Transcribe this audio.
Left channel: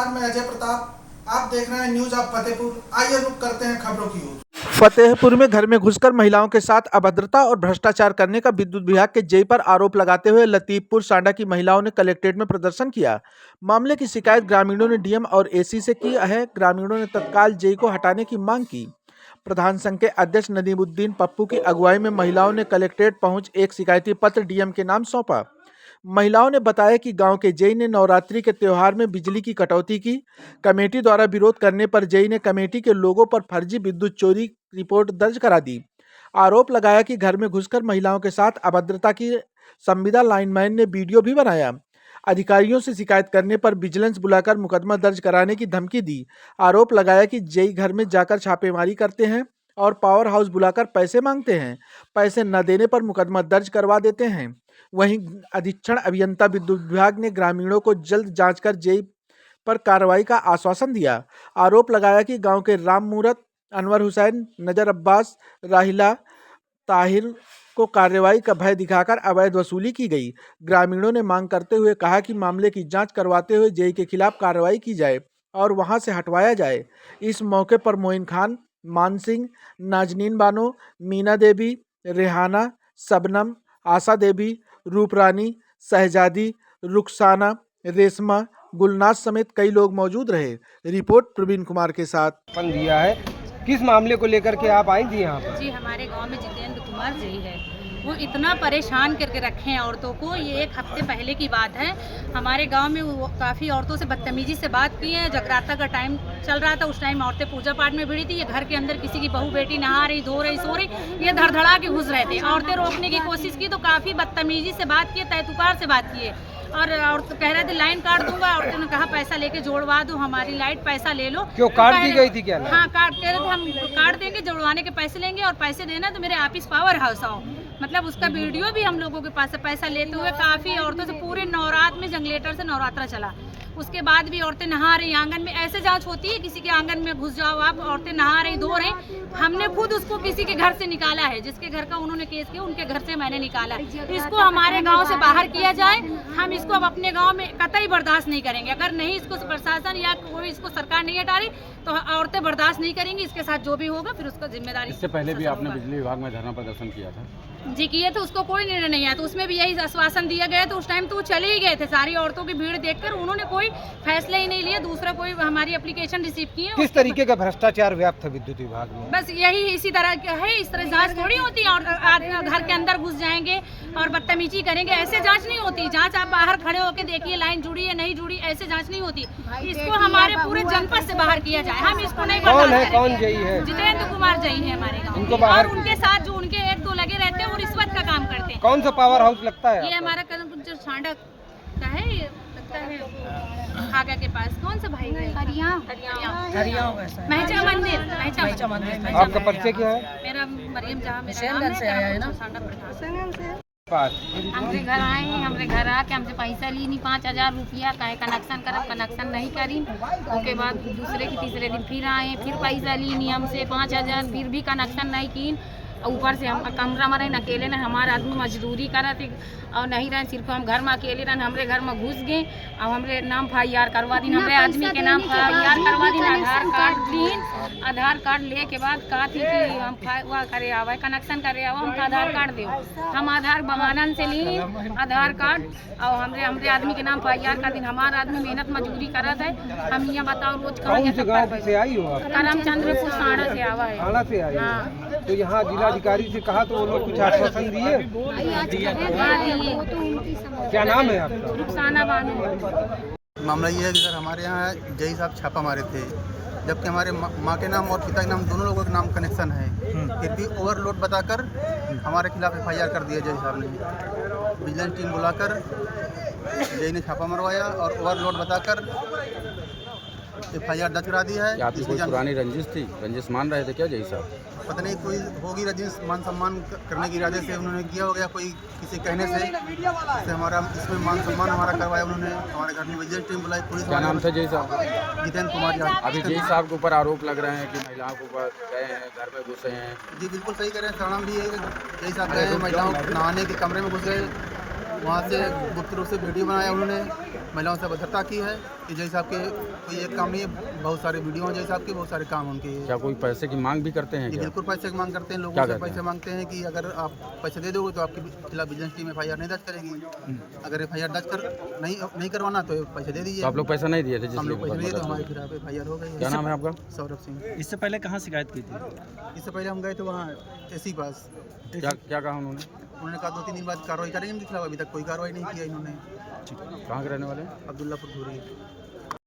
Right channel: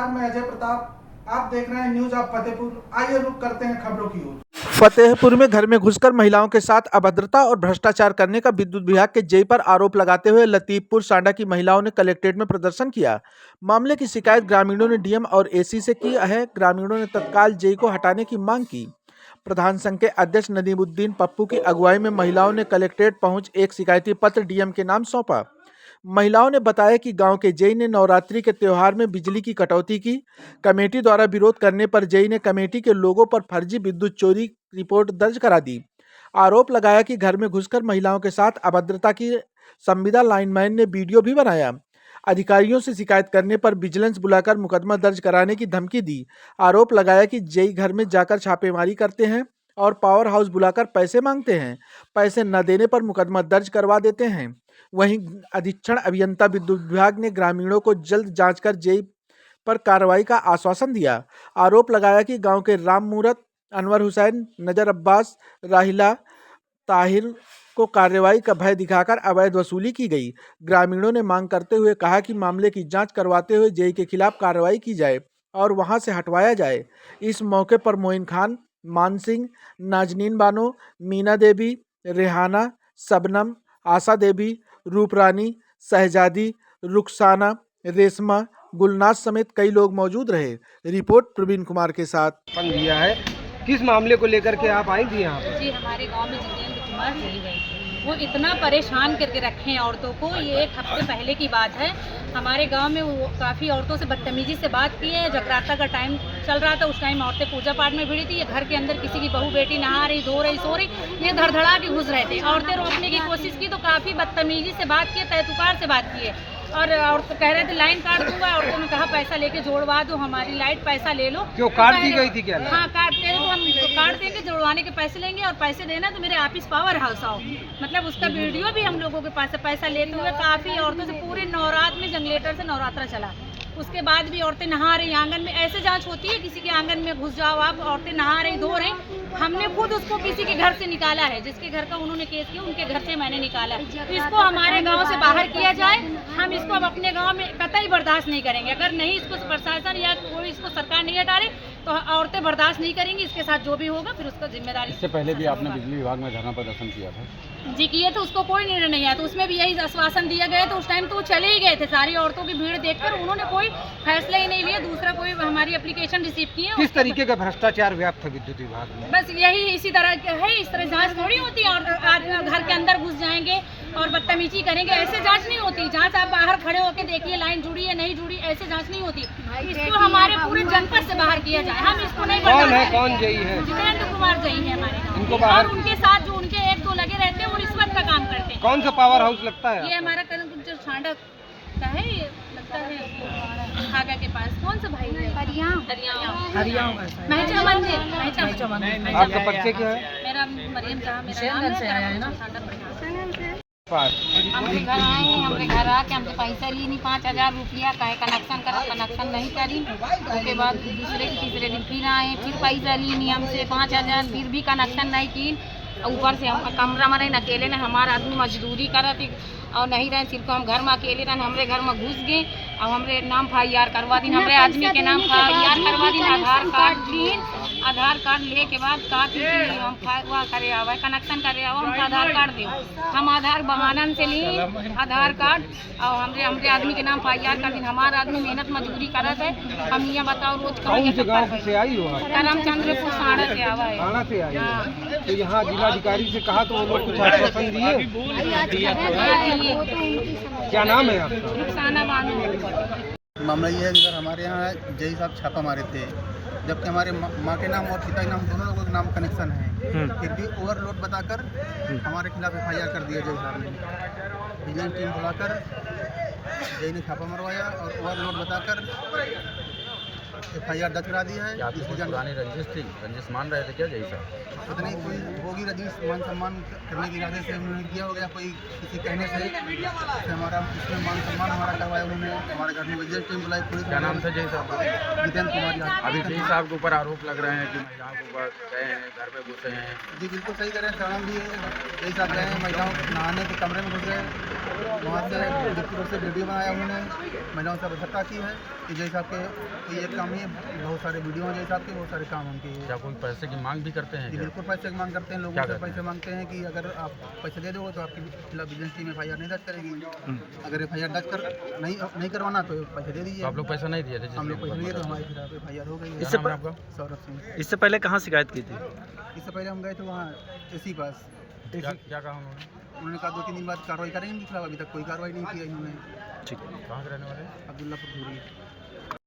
नमस्कार, मैं अजय प्रताप। आप देख रहे हैं न्यूज ऑफ फतेहपुर। आइए रुक करते हैं खबरों की ओर। फतेहपुर में घर में घुसकर महिलाओं के साथ अभद्रता और भ्रष्टाचार करने का विद्युत विभाग के जेई पर आरोप लगाते हुए लतीफपुर सांडा की महिलाओं ने कलेक्ट्रेट में प्रदर्शन किया। मामले की शिकायत ग्रामीणों ने डीएम और एसी से की है। ग्रामीणों ने तत्काल जेई को हटाने की मांग की। प्रधान संघ के अध्यक्ष नदीमुद्दीन पप्पू की अगुवाई में महिलाओं ने कलेक्ट्रेट पहुंच एक शिकायती पत्र डीएम के नाम सौंपा। महिलाओं ने बताया कि गांव के जेई ने नवरात्रि के त्योहार में बिजली की कटौती की। कमेटी द्वारा विरोध करने पर जेई ने कमेटी के लोगों पर फर्जी विद्युत चोरी रिपोर्ट दर्ज करा दी। आरोप लगाया कि घर में घुसकर महिलाओं के साथ अभद्रता की संविदा लाइनमैन ने वीडियो भी बनाया। अधिकारियों से शिकायत करने पर विजिलेंस बुलाकर मुकदमा दर्ज कराने की धमकी दी। आरोप लगाया कि जेई घर में जाकर छापेमारी करते हैं और पावर हाउस बुलाकर पैसे मांगते हैं। पैसे न देने पर मुकदमा दर्ज करवा देते हैं। वहीं अधीक्षण अभियंता विद्युत विभाग ने ग्रामीणों को जल्द जांच कर जेई पर कार्रवाई का आश्वासन दिया। आरोप लगाया कि गांव के राम मूरत, अनवर हुसैन, नजर अब्बास, राहिला, ताहिर को कार्रवाई का भय दिखाकर अवैध वसूली की गई। ग्रामीणों ने मांग करते हुए कहा कि मामले की जांच करवाते हुए जेई के खिलाफ कार्रवाई की जाए और वहां से हटवाया जाए। इस मौके पर मोइन खान, मान सिंह, नाजनीन बानो, मीना देवी, रेहाना, सबनम, आशा देवी, रूपरानी, शहजादी, रुखसाना, रेशमा, गुलनाज समेत कई लोग मौजूद रहे। रिपोर्ट प्रवीण कुमार के साथ। दिया है, किस मामले को लेकर के आप आई थी यहाँ? जी, हमारे गांव में जितेंद्र कुमार जी है, वो इतना परेशान करके रखे हैं औरतों को। ये एक हफ्ते पहले की बात है। हमारे गांव में वो काफ़ी औरतों से बदतमीजी से बात की है। जगराता का टाइम चल रहा था, उस टाइम औरतें पूजा पाठ में भिड़ी थी। ये घर के अंदर किसी की बहू बेटी नहा रही, धो रही, सो रही, ये धड़धड़ा के घुस रहे थे। औरतें रोकने की कोशिश की तो काफ़ी बदतमीजी से बात की, तय-तुकार से बात की है। और औरत कह रहे थे लाइन काट दूंगा। औरतों ने कहा पैसा लेके जोड़वा दो हमारी लाइट, पैसा ले लो। क्यों काट दी गई थी क्या? हाँ, काट दे रहे थे, हम काट देंगे, जोड़वाने के पैसे लेंगे और पैसे देना तो मेरे ऑफिस पावर हाउस आओ। मतलब उसका वीडियो भी हम लोगों के पास है। पैसा लेते हुए काफ़ी औरतों से पूरे नवरात्र में जनरेटर से नवरात्रा चला। उसके बाद भी औरतें नहा रही आंगन में। ऐसे जांच होती है किसी के आंगन में घुस जाओ आप, औरतें नहा रही, धो रही। हमने खुद उसको किसी के घर से निकाला है, जिसके घर का उन्होंने केस किया उनके घर से मैंने निकाला है। इसको हमारे गांव से बाहर किया जाए। हम इसको अब अपने गांव में कतई बर्दाश्त नहीं करेंगे। अगर नहीं इसको प्रशासन या कोई इसको सरकार नहीं हटा रही तो औरतें बर्दाश्त नहीं करेंगी। इसके साथ जो भी होगा फिर उसका जिम्मेदारी। इससे पहले भी आपने बिजली विभाग में धरना प्रदर्शन किया था? जी किए तो उसको कोई निर्णय नहीं आया, तो उसमें भी यही आश्वासन दिया गया। तो उस टाइम तो वो चले ही गए थे। सारी औरतों की भीड़ देखकर उन्होंने कोई फैसला ही नहीं लिया। दूसरा कोई हमारी एप्लीकेशन रिसीव किए। किस तरीके का भ्रष्टाचार व्याप्त है विद्युत विभाग में? बस यही इसी तरह का है। इस तरह जांच थोड़ी होती है और घर के अंदर घुस जाएंगे और बदतमीजी करेंगे। ऐसे जांच नहीं होती। जांच आप बाहर खड़े होकर देखिए, लाइन जुड़ी है नहीं जुड़ी, ऐसे जांच नहीं होती। इसको हमारे पूरे जनपद से बाहर किया जाए। हम इसको नहीं बर्दाश्त करेंगे। कौन जेई है? जितेंद्र कुमार जेई है हमारे गाँव। और उनके साथ जो उनके एक दो लगे रहते हैं वो रिश्वत का काम करते हैं। कौन सा पावर हाउस लगता है? ये हमारा जो सांडा का है, ये लगता है हागा के पास। कौन सा भाई है? महिचा मंदिर। आपका परिचय क्या है? मेरा मरियम जहाँ मेरा नाम है, सांडा पास। हमरे घर आए हैं, हमरे घर आके हमसे पैसा ली नहीं 5000 रुपया। कहे कनेक्शन करब, कनेक्शन नहीं करी। उसके बाद दूसरे की तीसरे दिन फिर आए, फिर पैसा ली नहीं हमसे 5000, फिर भी कनेक्शन नहीं की। ऊपर से हम कमरा में रहे अकेले ने, हमारा आदमी मजदूरी करत और नहीं रहे, सिर्फ हम घर में अकेले रहे। हमरे घर में घुस गए और हमरे नाम FIR करवा दी। हमरे आदमी के नाम FIR करवा दी। आधार कार्ड दिन, आधार कार्ड ले के बाद कहती कि हम वह करे आवा, कनेक्शन करे आवा, हमको आधार कार्ड दे। हम आधार बहानन से ली आधार कार्ड और हमरे आदमी के नाम FIR कर दी। हमारा आदमी मेहनत मजदूरी करत है। हम ये बताओ रोज करमचंद्रपुर सांडा से आवा है। सांडा से आई है। तो यहाँ जिलाधिकारी से कहा तो वो लोग कुछ आश्वासन दिए? क्या नाम है आपका? रुखसाना बानो। मामला ये है कि सर हमारे यहाँ जेई साहब छापा मारे थे, जबकि हमारे माँ के नाम और पिता के नाम दोनों लोगों के नाम कनेक्शन है। फिर भी ओवरलोड बताकर हमारे खिलाफ FIR कर दिया जेई साहब ने। विजिलेंस टीम बुलाकर जेई ने छापा मरवाया और ओवरलोड बताकर FIR दर्ज करा दी है। पुरानी रंजिश थी, रंजिश मान रहे थे क्या जेई साहब? पता नहीं कोई होगी रंजिश, मान सम्मान करने के इरादे से उन्होंने किया हो गया, कोई किसी कहने से हमारा इसमें मान सम्मान हमारा करवाया उन्होंने। हमारे घर में विजिलेंस टीम बुलाई, पुलिस। क्या नाम था जेई साहब? जितेंद्र कुमार। अभी जेई साहब के ऊपर आरोप लग रहे हैं कि महिलाओं के ऊपर गए हैं, घर में घुसे हैं। जी बिल्कुल सही कह रहे हैं। सामान भी जेई साहब गए हैं, महिलाओं नहाने के कमरे में घुस गए, वहाँ से गुप्त रूप से वीडियो बनाया उन्होंने महिलाओं से अभद्रता की है कि जय साहब के कोई एक काम नहीं है, बहुत सारे वीडियो हैं जय साहब के, बहुत सारे काम उनके। क्या कोई पैसे की मांग भी करते हैं ये क्या? बिल्कुल पैसे की मांग करते हैं, लोगों क्या से कहते पैसे हैं? मांगते हैं कि अगर आप पैसे दे दोगे तो आपके खिलाफ विजिलेंस टीम FIR नहीं दर्ज करेगी, अगर FIR दर्ज कर नहीं करवाना तो पैसे दे दीजिए। तो आप लोग पैसा नहीं दिए थे? हम लोग जिसलिए पैसे दिए तो हमारे खिलाफ FIR हो गई क्या है। नाम है आपका? सौरभ सिंह। इससे पहले कहाँ शिकायत की थी? इससे पहले हम गए थे वहाँ AC पास, क्या कहा उन्होंने? उन्होंने कहा 2-3 दिन बाद कार्रवाई करेंगे इनके खिलाफ, अभी तक कोई कार्रवाई नहीं की है इन्होंने। ठीक। कहाँ के रहने वाले हैं? अब्दुल्लापुर धूरी।